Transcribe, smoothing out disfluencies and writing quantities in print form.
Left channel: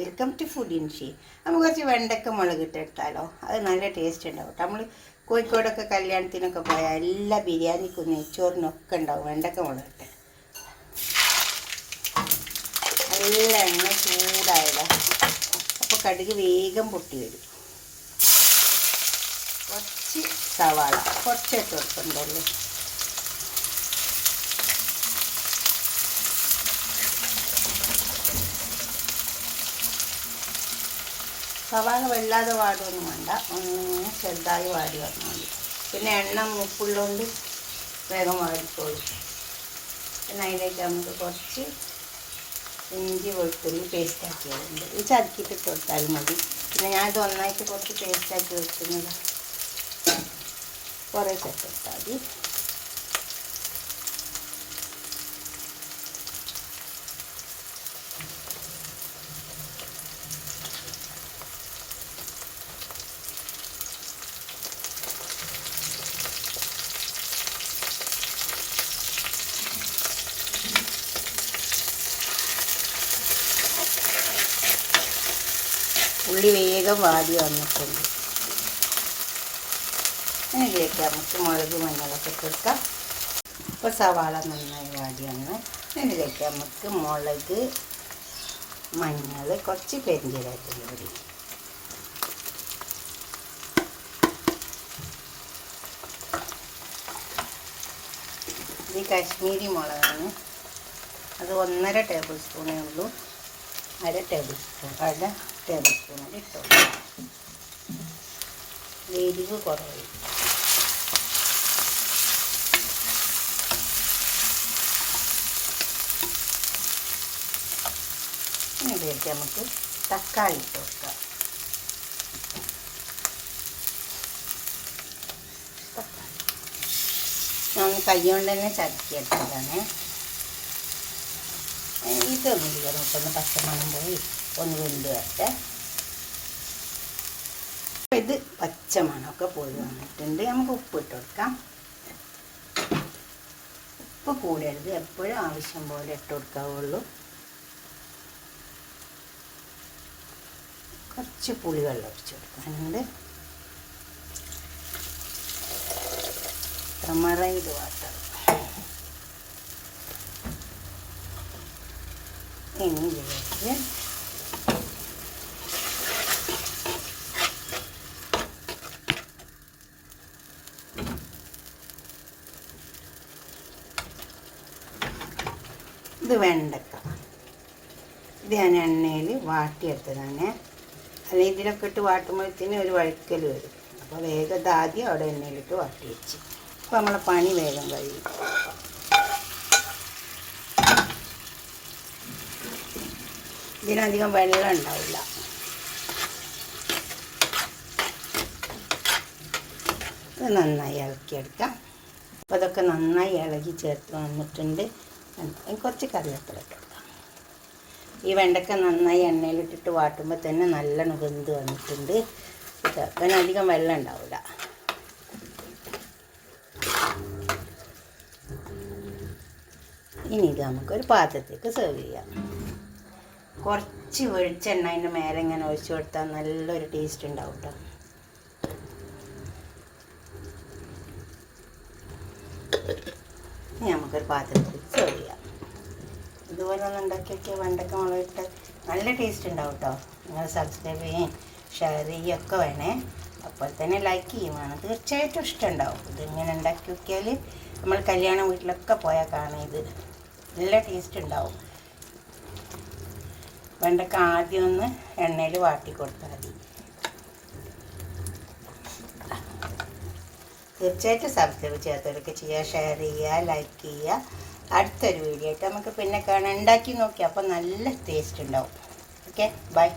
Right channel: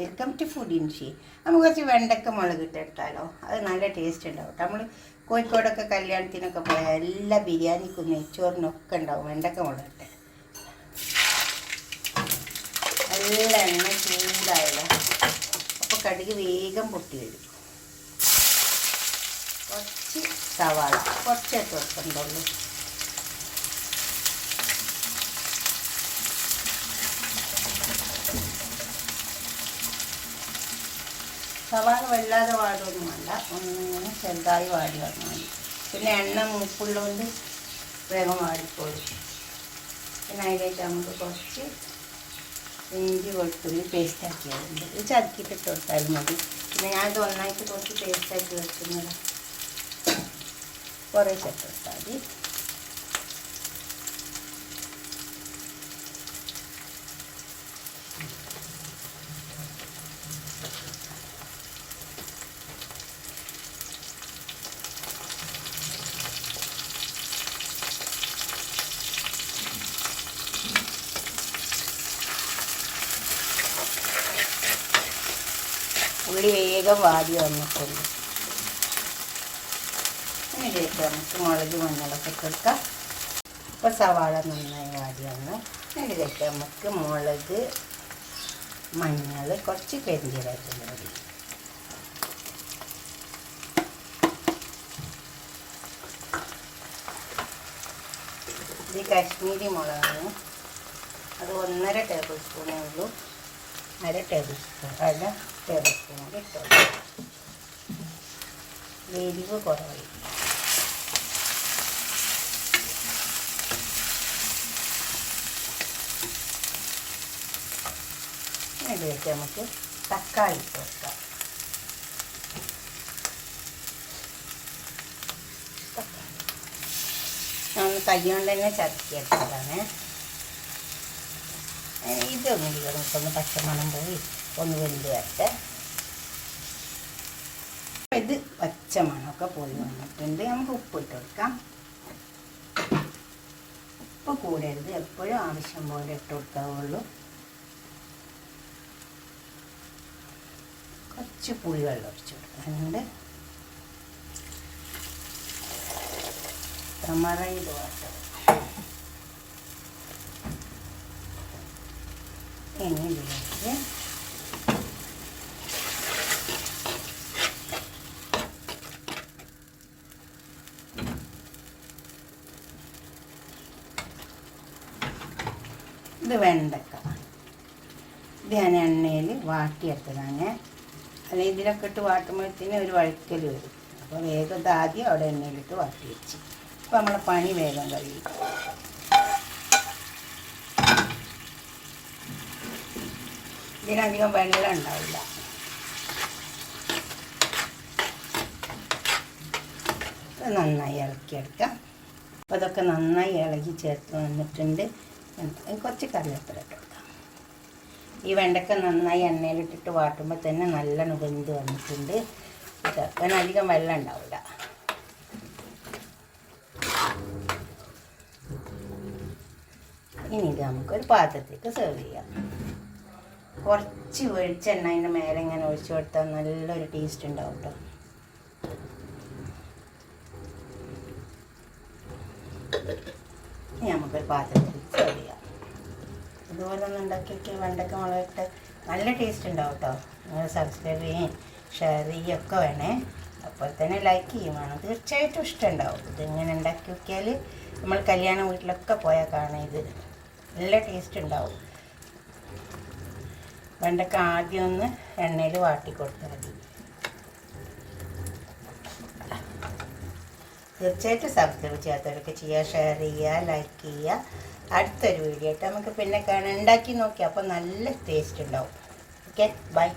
Welcome to food ഇൻഷി. നമുക്ക് കുറച്ച് വെണ്ടക്ക മുളക് ഇട്ടെടുത്താലോ? അത് നല്ല ടേസ്റ്റ് ഉണ്ടാവും കേട്ടോ. നമ്മൾ കോഴിക്കോടൊക്കെ കല്യാണത്തിനൊക്കെ പോയാൽ എല്ലാ ബിരിയാണിക്കും നെയ്ച്ചോറിനൊക്കെ ഉണ്ടാവും വെണ്ടക്ക മുളകിട്ട്. നല്ല എണ്ണ ചൂടായല്ലോ, അപ്പോൾ കടുക് വേഗം പൊട്ടി വരും. കുറച്ച് സവാള കുറച്ചൊക്കെ വെക്കുന്നുള്ളൂ. സവാള വല്ലാതെ വാടുകയൊന്നും വേണ്ട, ഒന്നിങ്ങനെ ചെറുതായി വാടി വന്നാൽ മതി. പിന്നെ എണ്ണ മൂപ്പുള്ളതുകൊണ്ട് വേഗം വാടിക്കോളും. പിന്നെ അതിലേക്ക് നമുക്ക് കുറച്ച് ഇഞ്ചി വെളുത്തുള്ളി പേസ്റ്റാക്കി വരുന്നുണ്ട്. ഇത് ചതക്കിയിട്ട് കൊടുത്താലും മതി. പിന്നെ ഞാനിത് ഒന്നായിട്ട് കുറച്ച് പേസ്റ്റാക്കി വെക്കുന്നത് കുറേ ചേർത്തെടുത്താൽ മതി. ഉള്ളി വേഗം വാടി വന്നിട്ടുണ്ട്. ഇതിലേക്ക് നമുക്ക് മുളക് മഞ്ഞളൊക്കെ കൊടുക്കാം. ഇപ്പോൾ സവാള നന്നായി വാടി വന്ന് ഇതിലേക്ക് നമുക്ക് മുളക് മഞ്ഞൾ കുറച്ച് പെരിഞ്ചീരകത്തിൻ്റെ പൊടി, ഇത് കാശ്മീരി മുളകാണ്. അത് 1.5 ടേബിൾ സ്പൂണേ ഉള്ളൂ. അര ടേബിൾ സ്പൂൺ ഇട്ടു. എരിവ് കുറവായി. ഇതിലേക്ക് നമുക്ക് തക്കാളി ഇട്ട് വെക്കാം. ഞാൻ കൈ കൊണ്ട് തന്നെ ചതക്കിയെടുത്തതാണ്. ഇതൊന്നും നമുക്കൊന്ന് പച്ചമണം പോയി ഒന്ന് വെന്ത് വരട്ടെ. ഇത് പച്ചമണമൊക്കെ പോയി വന്നിട്ടുണ്ട്. നമുക്ക് ഉപ്പിട്ട് കൊടുക്കാം. ഉപ്പ് കൂടരുത്, എപ്പോഴും ആവശ്യം പോലെ ഇട്ട് കൊടുക്കാവുള്ളൂ. കുറച്ച് പുളിവെള്ളം ഒഴിച്ച് കൊടുക്കാനുണ്ട്. മറയിട് വാട്ടർ. ഇനി ഇതിലേക്ക് ഇത് വെണ്ടക്ക. ഇത് ഞാൻ എണ്ണയിൽ വാട്ടിയെടുത്തതാണ്. അല്ലെങ്കിൽ ഇതിലൊക്കെ ഇട്ട് വാട്ടുമ്പോഴത്തേന് ഒരു വഴുക്കൽ വരും. അപ്പോൾ വേഗം ആദ്യം അവിടെ എണ്ണയിലിട്ട് വാട്ടി വെച്ച്. അപ്പോൾ നമ്മളെ പണി വേഗം കഴിയും. ഇതിനധികം വെള്ളം ഉണ്ടാവില്ല. ഇത് നന്നായി ഇളക്കിയെടുക്കാം. അപ്പോൾ അതൊക്കെ നന്നായി ഇളകി ചേർത്ത് വന്നിട്ടുണ്ട്. കുറച്ച് കറിവേപ്പില ഇട്ട് കൊടുക്കാം. ഈ വെണ്ടക്ക നന്നായി എണ്ണയിലിട്ടിട്ട് വാട്ടുമ്പോൾ തന്നെ നല്ലോണം വെന്ത് വന്നിട്ടുണ്ട്. ചേർക്കാൻ അധികം വെള്ളം ഉണ്ടാവില്ല. ഇനി ഇത് നമുക്കൊരു പാത്രത്തേക്ക് സെർവ് ചെയ്യാം. കുറച്ച് വെളിച്ചെണ്ണ അതിൻ്റെ മേലെ ഇങ്ങനെ ഒഴിച്ചു കൊടുത്താൽ നല്ലൊരു ടേസ്റ്റ് ഉണ്ടാവും കേട്ടോ. ഇനി നമുക്കൊരു പാത്രത്തിൽ സെർവ് ചെയ്യാം. ഇതുപോലെ ഒന്ന് ഉണ്ടാക്കിയൊക്കെ വെണ്ടക്ക മുളകിട്ട് നല്ല ടേസ്റ്റ് ഉണ്ടാവും കേട്ടോ. നിങ്ങൾ സബ്സ്ക്രൈബ് ചെയ്യുകയും ഷെയർ ചെയ്യുകയൊക്കെ വേണേ. അപ്പോൾ തന്നെ ലൈക്ക് ചെയ്യുവാണ്, തീർച്ചയായിട്ടും ഇഷ്ടമുണ്ടാവും. ഇതിങ്ങനെ ഉണ്ടാക്കി നോക്കിയാൽ നമ്മൾ കല്യാണ വീട്ടിലൊക്കെ പോയാൽ കാണാം. ഇത് നല്ല ടേസ്റ്റ് ഉണ്ടാവും. വെണ്ടക്ക ആദ്യം ഒന്ന് എണ്ണയിൽ വാട്ടി കൊടുത്താൽ മതി. തീർച്ചയായിട്ടും സബ്സ്ക്രൈബ് ചെയ്യാത്തവരൊക്കെ ചെയ്യുക, ഷെയർ ചെയ്യുക, ലൈക്ക് ചെയ്യുക. അടുത്തൊരു വീഡിയോ ആയിട്ട് നമുക്ക് പിന്നെ കാണാം. ഉണ്ടാക്കി നോക്കി അപ്പോൾ നല്ല ടേസ്റ്റ് ഉണ്ടാവും. Okay, by.